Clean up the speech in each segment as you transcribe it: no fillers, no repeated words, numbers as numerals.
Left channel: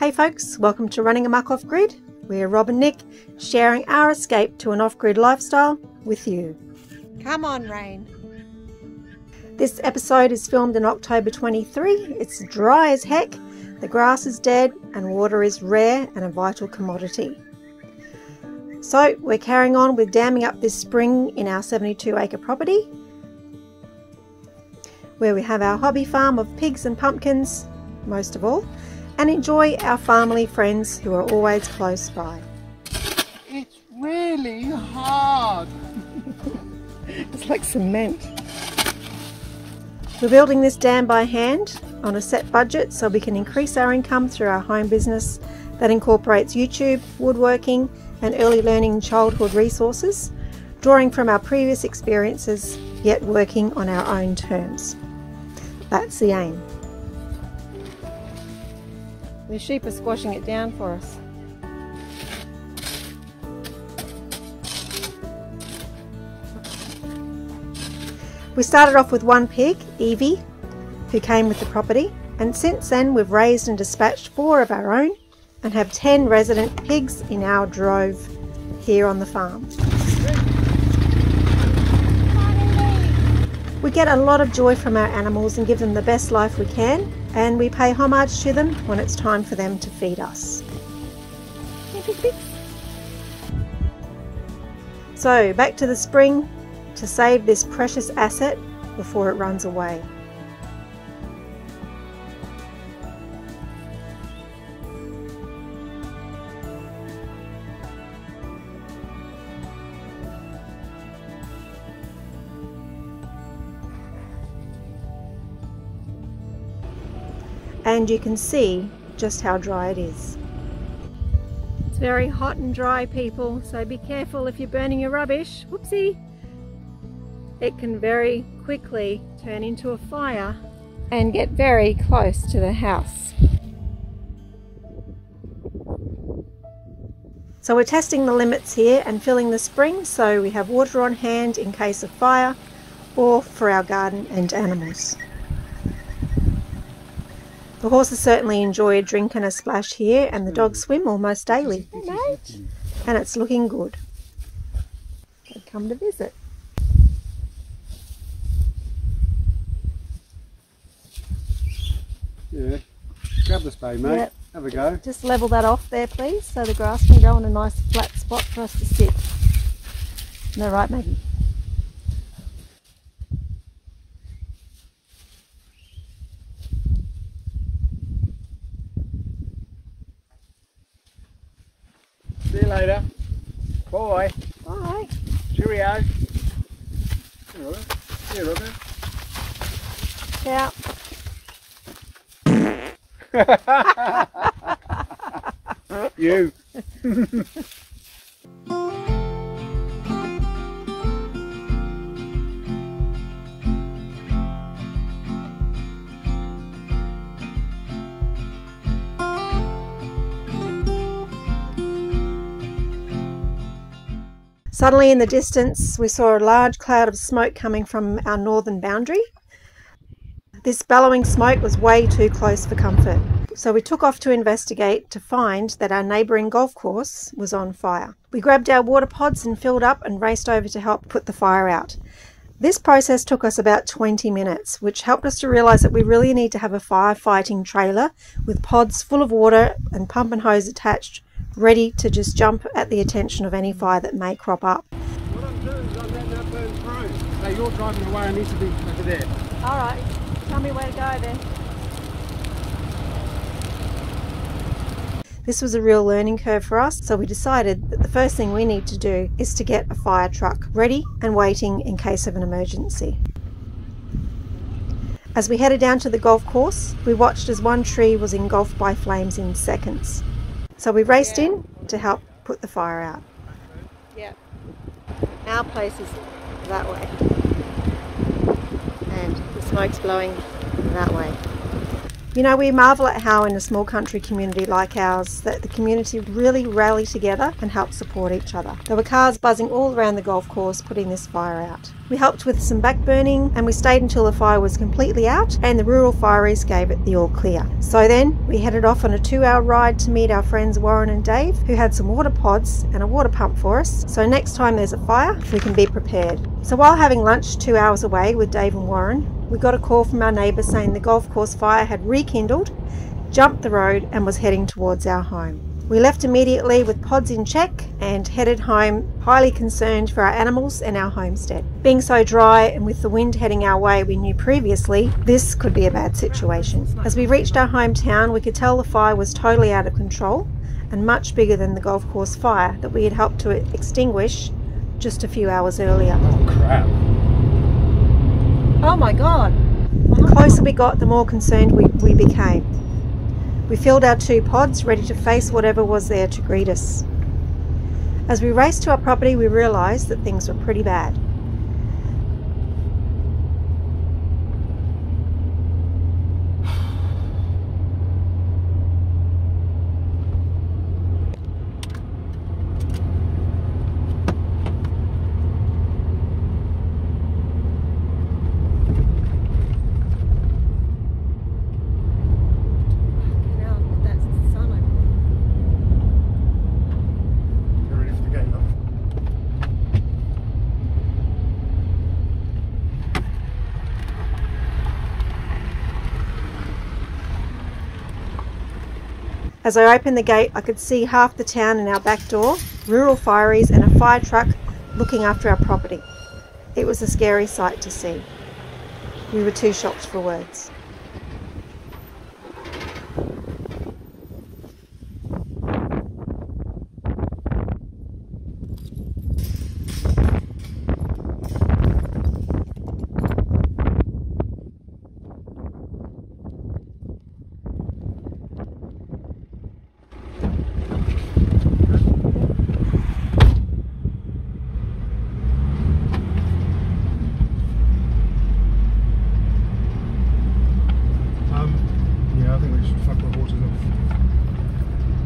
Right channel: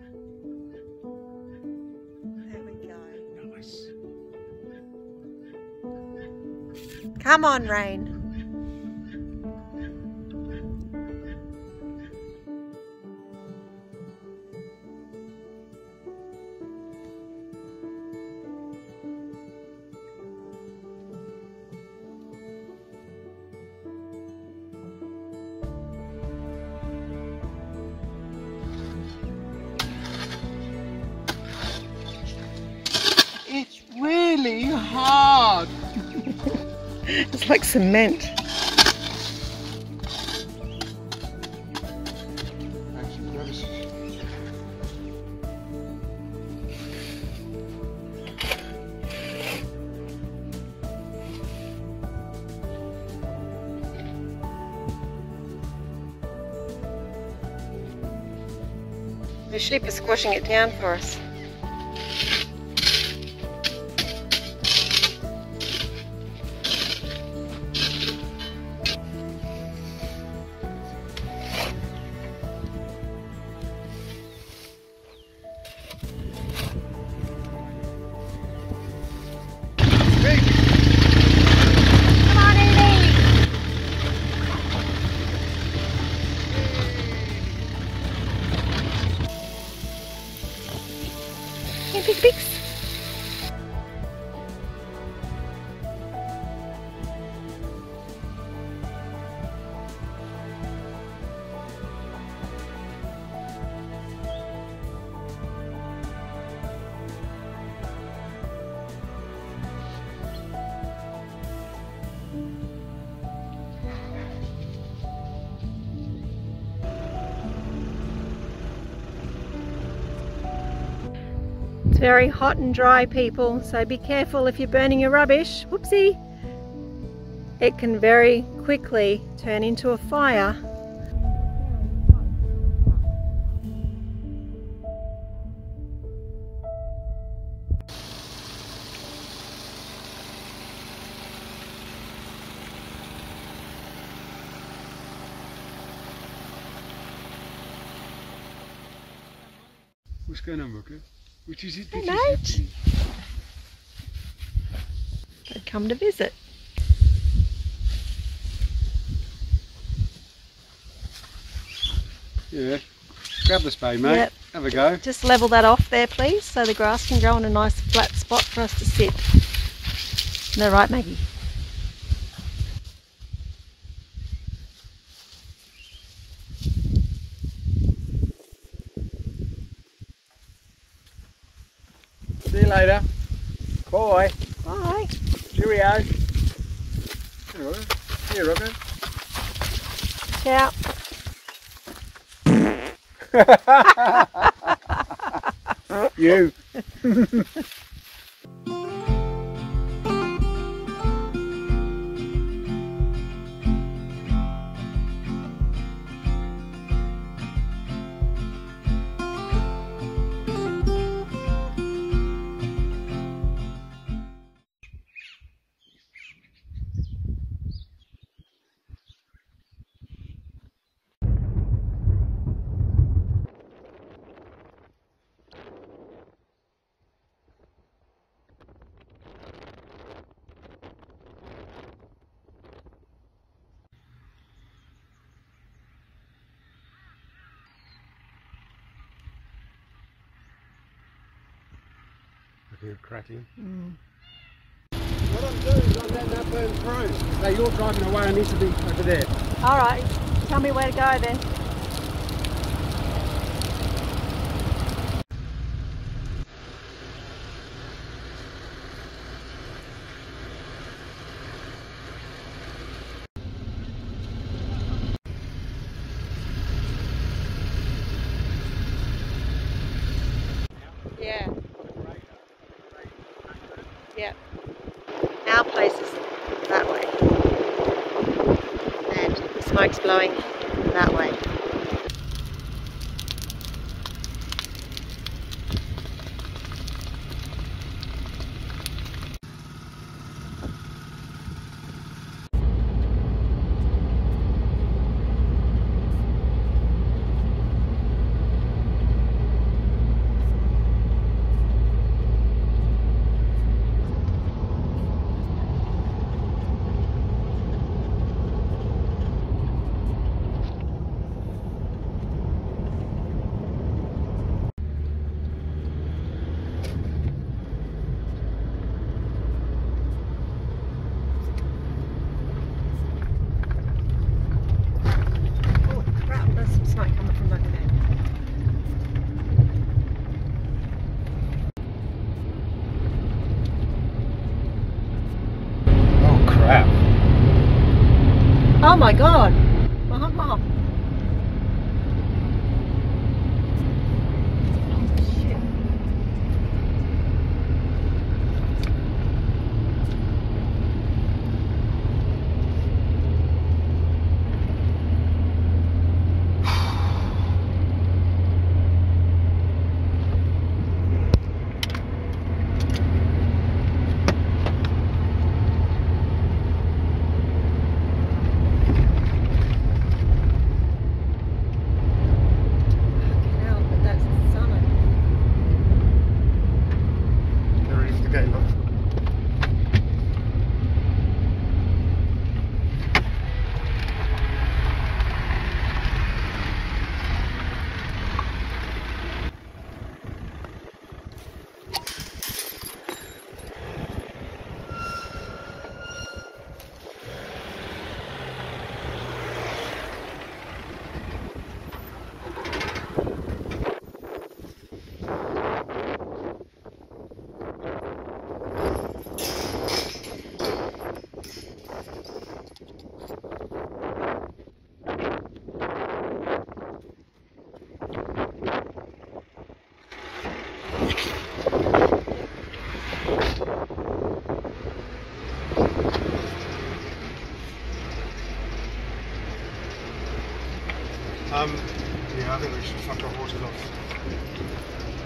Hey folks, welcome to Running Amok Off-Grid. We're Rob and Nick, sharing our escape to an off-grid lifestyle with you. Come on, rain. This episode is filmed in October 23. It's dry as heck, the grass is dead, and water is rare and a vital commodity. So we're carrying on with damming up this spring in our 72-acre property, where we have our hobby farm of pigs and pumpkins, most of all, and enjoy our family friends who are always close by. It's really hard. It's like cement. We're building this dam by hand on a set budget so we can increase our income through our home business that incorporates YouTube, woodworking and early learning childhood resources, drawing from our previous experiences yet working on our own terms. That's the aim. The sheep are squashing it down for us. We started off with one pig, Evie, who came with the property, and since then we've raised and dispatched 4 of our own and have 10 resident pigs in our drove here on the farm. Come on, Evie! We get a lot of joy from our animals and give them the best life we can, and we pay homage to them when it's time for them to feed us. Here, pigs. So back to the spring to save this precious asset before it runs away. And you can see just how dry it is. It's very hot and dry, people, so be careful if you're burning your rubbish. Whoopsie! It can very quickly turn into a fire and get very close to the house. So we're testing the limits here and filling the spring so we have water on hand in case of fire or for our garden and animals. The horses certainly enjoy a drink and a splash here, and the dogs swim almost daily. Hey mate! And it's looking good. They'd come to visit. Yeah, grab the spade, mate. Yep. Have a go. Just level that off there, please, so the grass can grow in a nice flat spot for us to sit. Isn't that right, Maggie? See you later. Bye. Bye. Cheerio. Here, Robert. Ciao. You. Suddenly in the distance we saw a large cloud of smoke coming from our northern boundary. This bellowing smoke was way too close for comfort, so we took off to investigate to find that our neighbouring golf course was on fire. We grabbed our water pods and filled up and raced over to help put the fire out. This process took us about 20 minutes, which helped us to realise that we really need to have a firefighting trailer with pods full of water and pump and hose attached, ready to just jump at the attention of any fire that may crop up. What I'm doing is I'm letting that burn through. So you're driving away and you should be over there. Alright, tell me where to go then. This was a real learning curve for us, so we decided that the first thing we need to do is to get a fire truck ready and waiting in case of an emergency. As we headed down to the golf course, we watched as one tree was engulfed by flames in seconds. So we raced in to help put the fire out. Yeah. Our place is that way. And the smoke's blowing that way. You know, we marvel at how in a small country community like ours that the community really rally together and help support each other. There were cars buzzing all around the golf course putting this fire out. We helped with some backburning and we stayed until the fire was completely out and the rural fireys gave it the all clear. So then we headed off on a 2-hour ride to meet our friends Warren and Dave, who had some water pods and a water pump for us, so next time there's a fire we can be prepared. So while having lunch 2 hours away with Dave and Warren, we got a call from our neighbour saying the golf course fire had rekindled, jumped the road and was heading towards our home. We left immediately with pods in check and headed home, highly concerned for our animals and our homestead. Being so dry and with the wind heading our way, we knew previously this could be a bad situation. As we reached our hometown, we could tell the fire was totally out of control and much bigger than the golf course fire that we had helped to extinguish just a few hours earlier. Oh crap. Oh my God. The closer we got, the more concerned we became. We filled our 2 pods, ready to face whatever was there to greet us. As we raced to our property, we realised that things were pretty bad. As I opened the gate, I could see half the town in our back door, rural fireys and a fire truck looking after our property. It was a scary sight to see. We were too shocked for words. Yeah, I think we should fuck our horses off.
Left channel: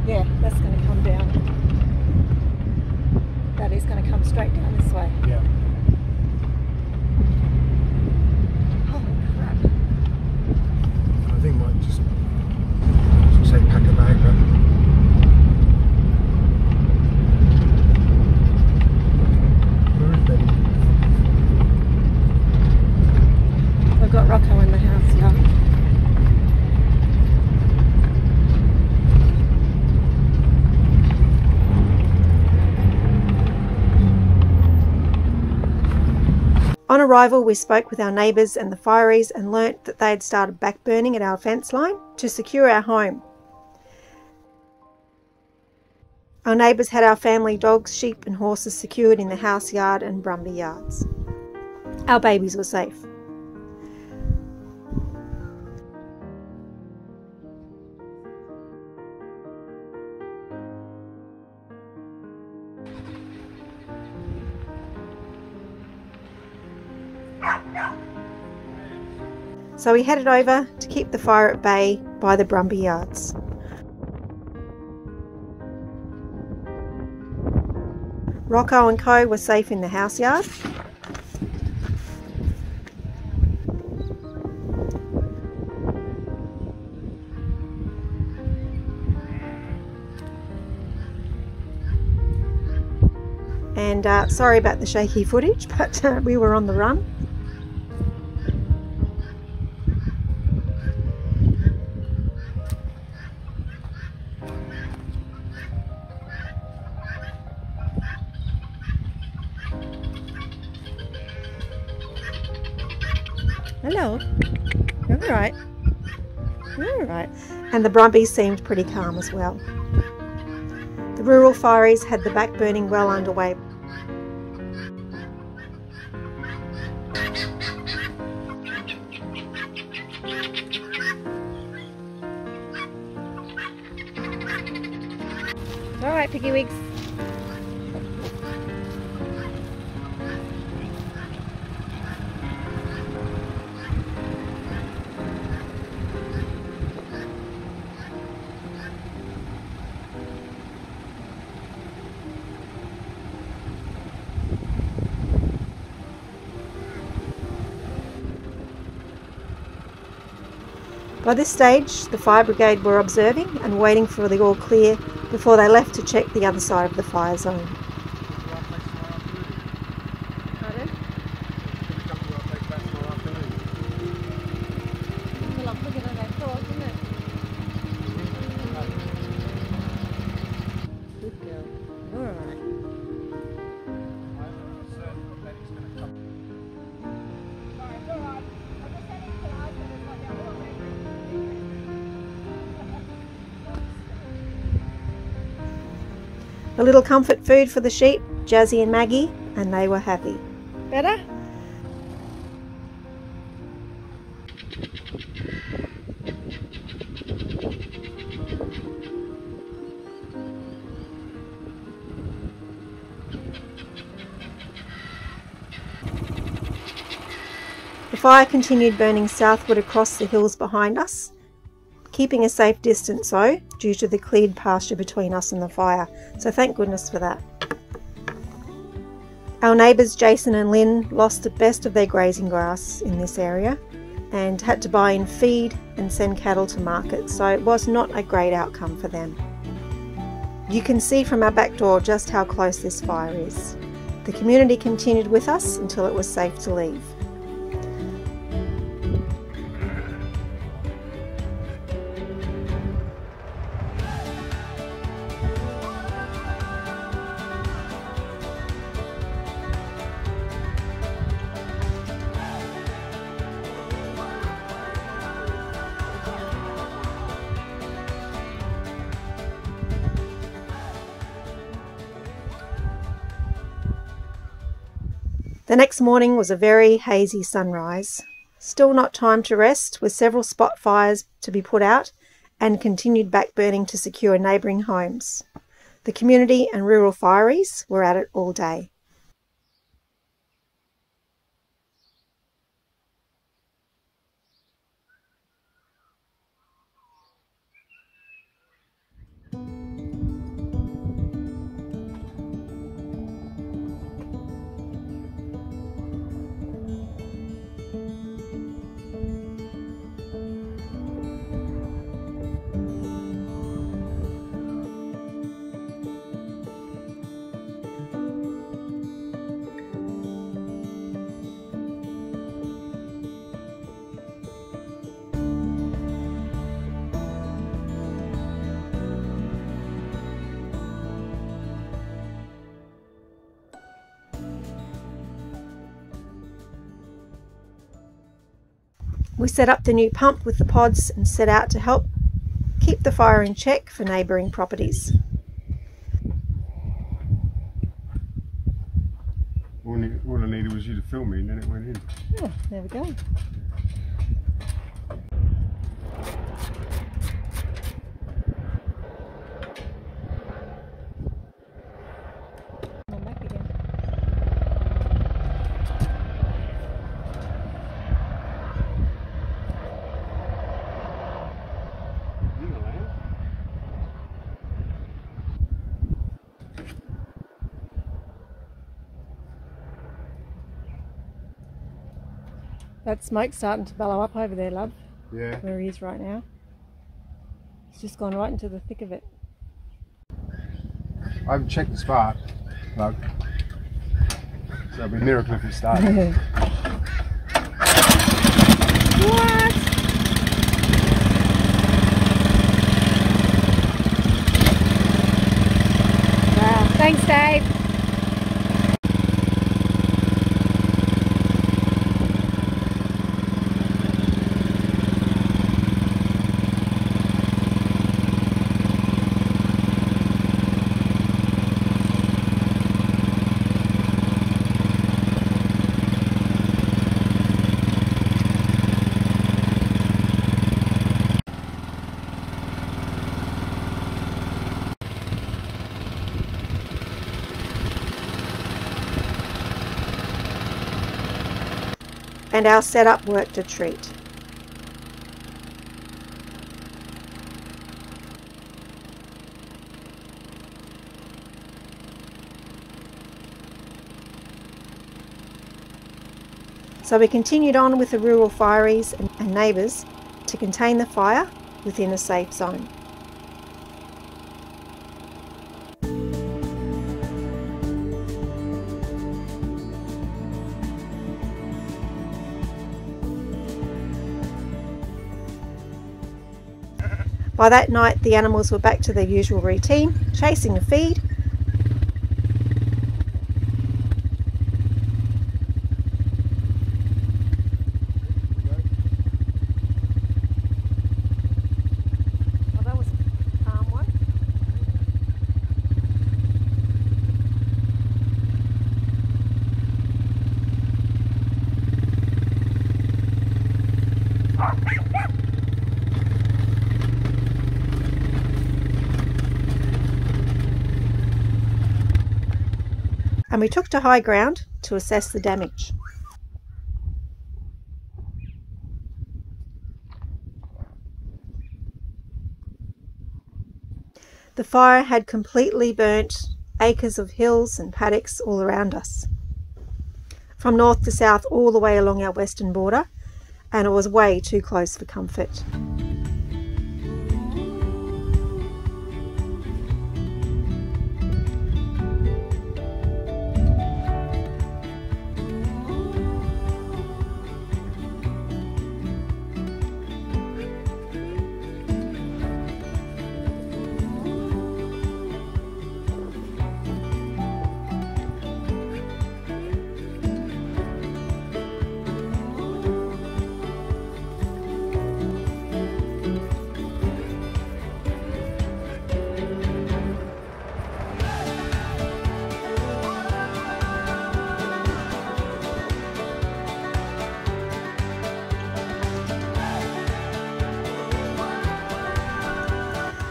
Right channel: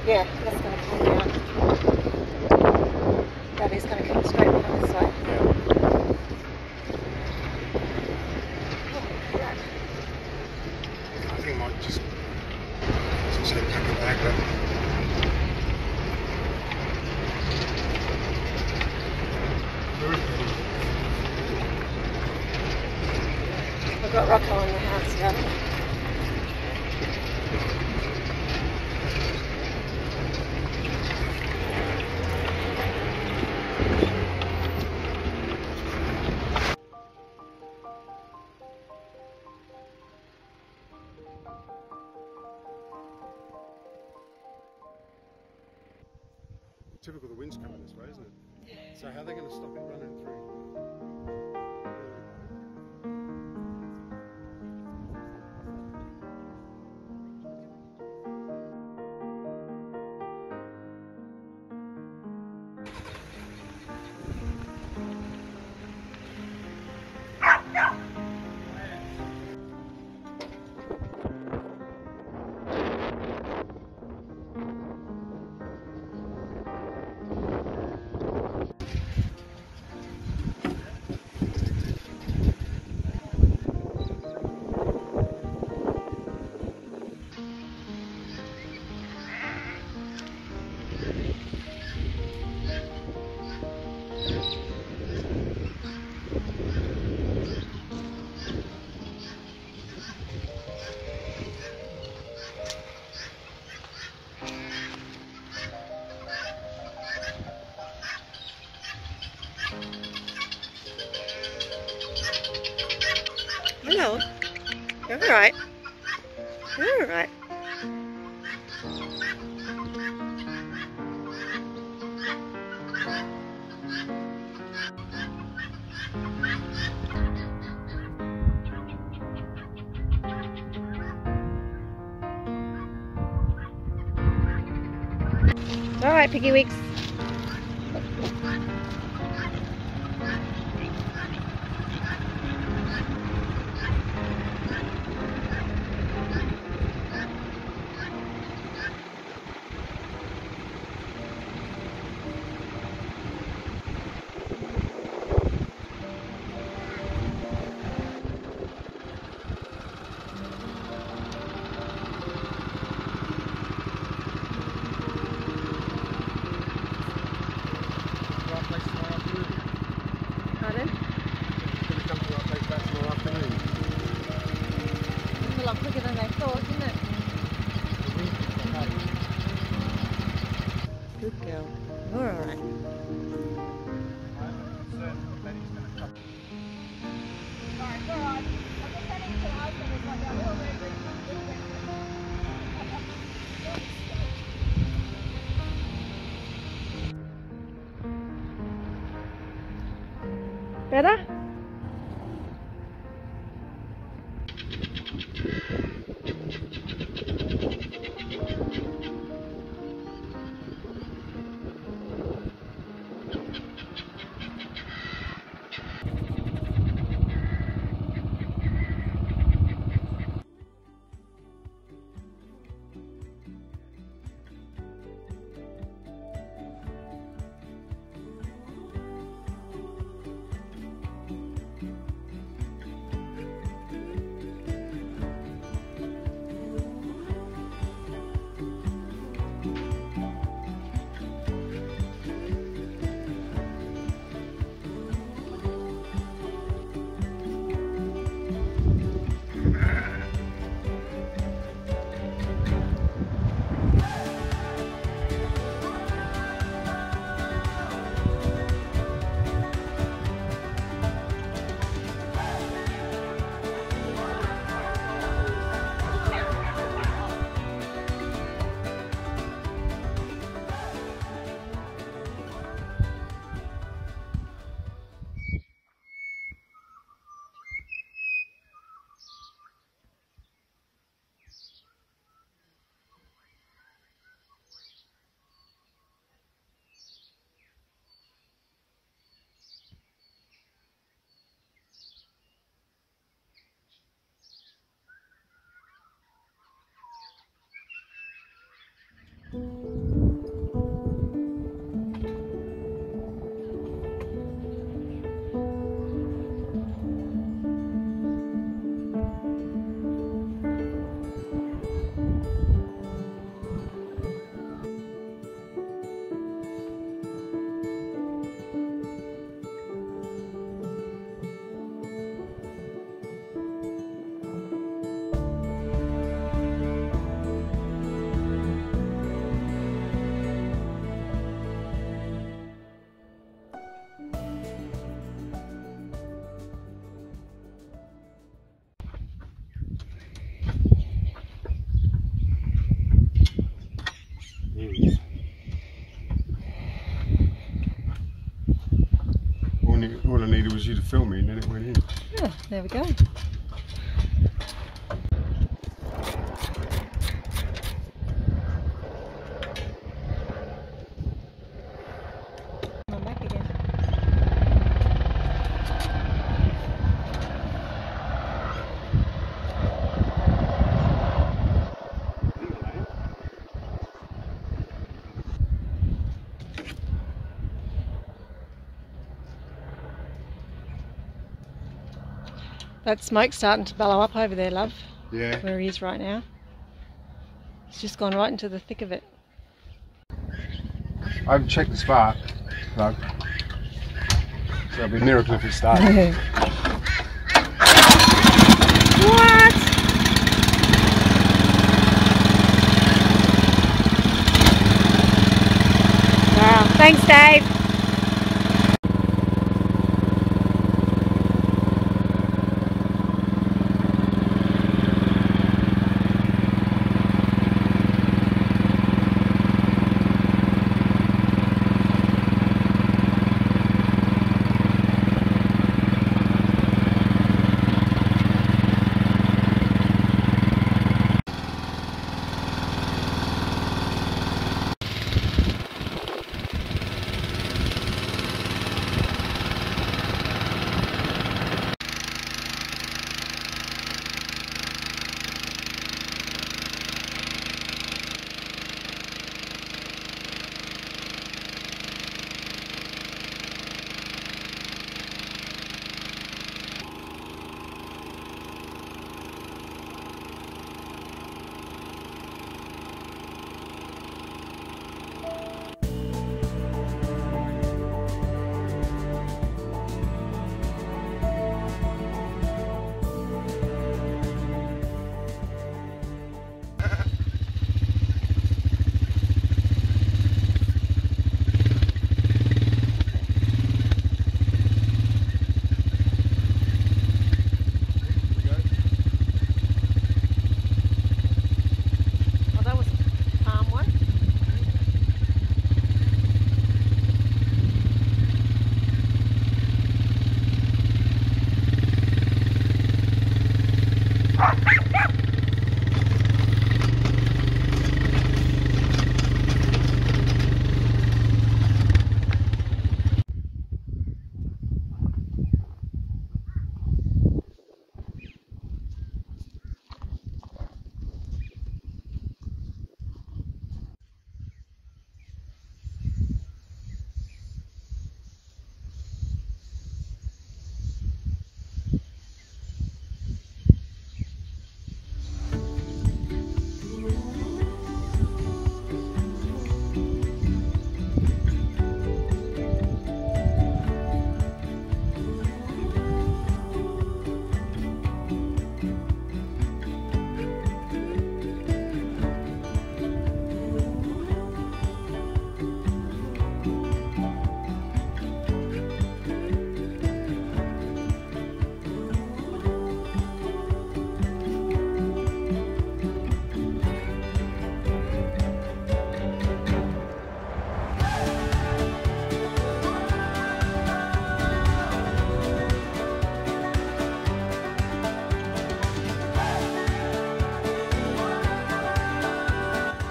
Yeah, that's going to come down. That is going to come straight down this way. Yeah. Holy crap. I think I might just, as we say, pack a bag, but where is Betty? We've got Rocco in the house now. On arrival, we spoke with our neighbours and the fireys and learnt that they had started backburning at our fence line to secure our home. Our neighbours had our family dogs, sheep and horses secured in the house yard and Brumby yards. Our babies were safe. So we headed over to keep the fire at bay by the Brumby yards. Rocco and Co were safe in the house yard. And sorry about the shaky footage, but we were on the run. Hello. You're all right. You're all right. And the Brumbies seemed pretty calm as well. The rural fireys had the backburning well underway. All right, Piggy Wigs. By this stage, the fire brigade were observing and waiting for the all clear before they left to check the other side of the fire zone. Pardon? It's a lot quicker than they thought, isn't it? Good girl. You're alright. A little comfort food for the sheep, Jazzy and Maggie, and they were happy. Better? The fire continued burning southward across the hills behind us, keeping a safe distance though, due to the cleared pasture between us and the fire, so thank goodness for that. Our neighbours Jason and Lynn lost the best of their grazing grass in this area and had to buy in feed and send cattle to market, so it was not a great outcome for them. You can see from our back door just how close this fire is. The community continued with us until it was safe to leave. The next morning was a very hazy sunrise. Still not time to rest, with several spot fires to be put out and continued back burning to secure neighbouring homes. The community and rural fireys were at it all day. We set up the new pump with the pods and set out to help keep the fire in check for neighbouring properties. All I needed was you to film me and then it went in. Yeah, there we go. I'm back again. That smoke's starting to bellow up over there, love. Yeah. Where he is right now. He's just gone right into the thick of it. I haven't checked the spark plug, so it'll be a miracle if it starts. What? Wow, thanks Dave. And our setup worked a treat. So we continued on with the rural fireys and neighbours to contain the fire within a safe zone. By that night, the animals were back to their usual routine, chasing the feed. Oh, that was a calm one. And we took to high ground to assess the damage. The fire had completely burnt acres of hills and paddocks all around us, from north to south all the way along our western border, and it was way too close for comfort.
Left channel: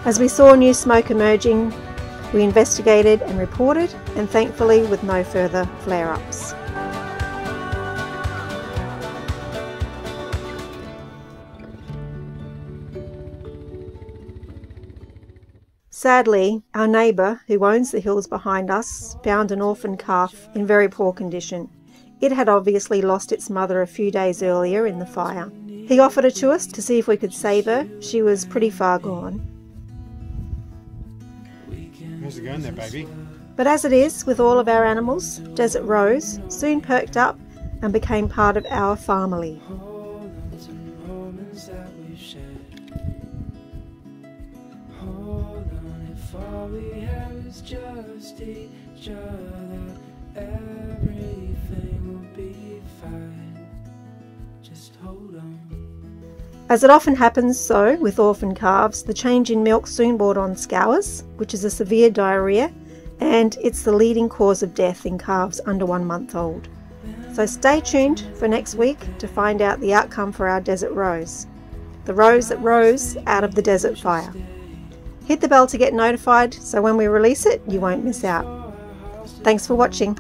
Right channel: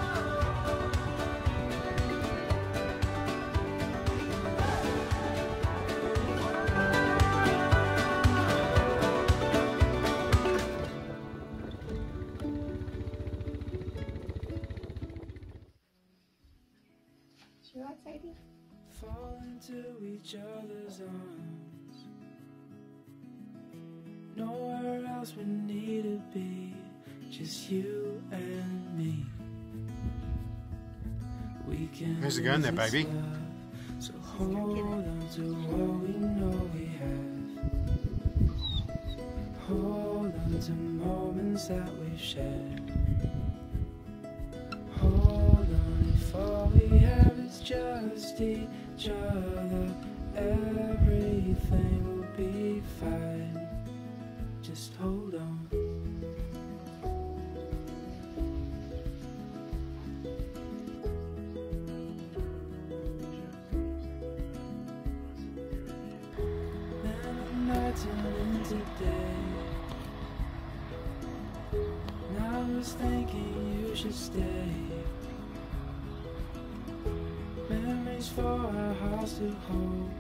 As we saw new smoke emerging, we investigated and reported, and thankfully with no further flare-ups. Sadly, our neighbour, who owns the hills behind us, found an orphan calf in very poor condition. It had obviously lost its mother a few days earlier in the fire. He offered her to us to see if we could save her. She was pretty far gone. How's it going there, baby? But as it is with all of our animals, Desert Rose soon perked up and became part of our family. Hold on to moments that we've shared. Hold on, if all we have is just each other, everything will be fine. Just hold on. As it often happens so with orphan calves, the change in milk soon brought on scours, which is a severe diarrhea, and it's the leading cause of death in calves under 1 month old. So stay tuned for next week to find out the outcome for our Desert Rose, the rose that rose out of the desert fire. Hit the bell to get notified so when we release it, you won't miss out. Thanks for watching.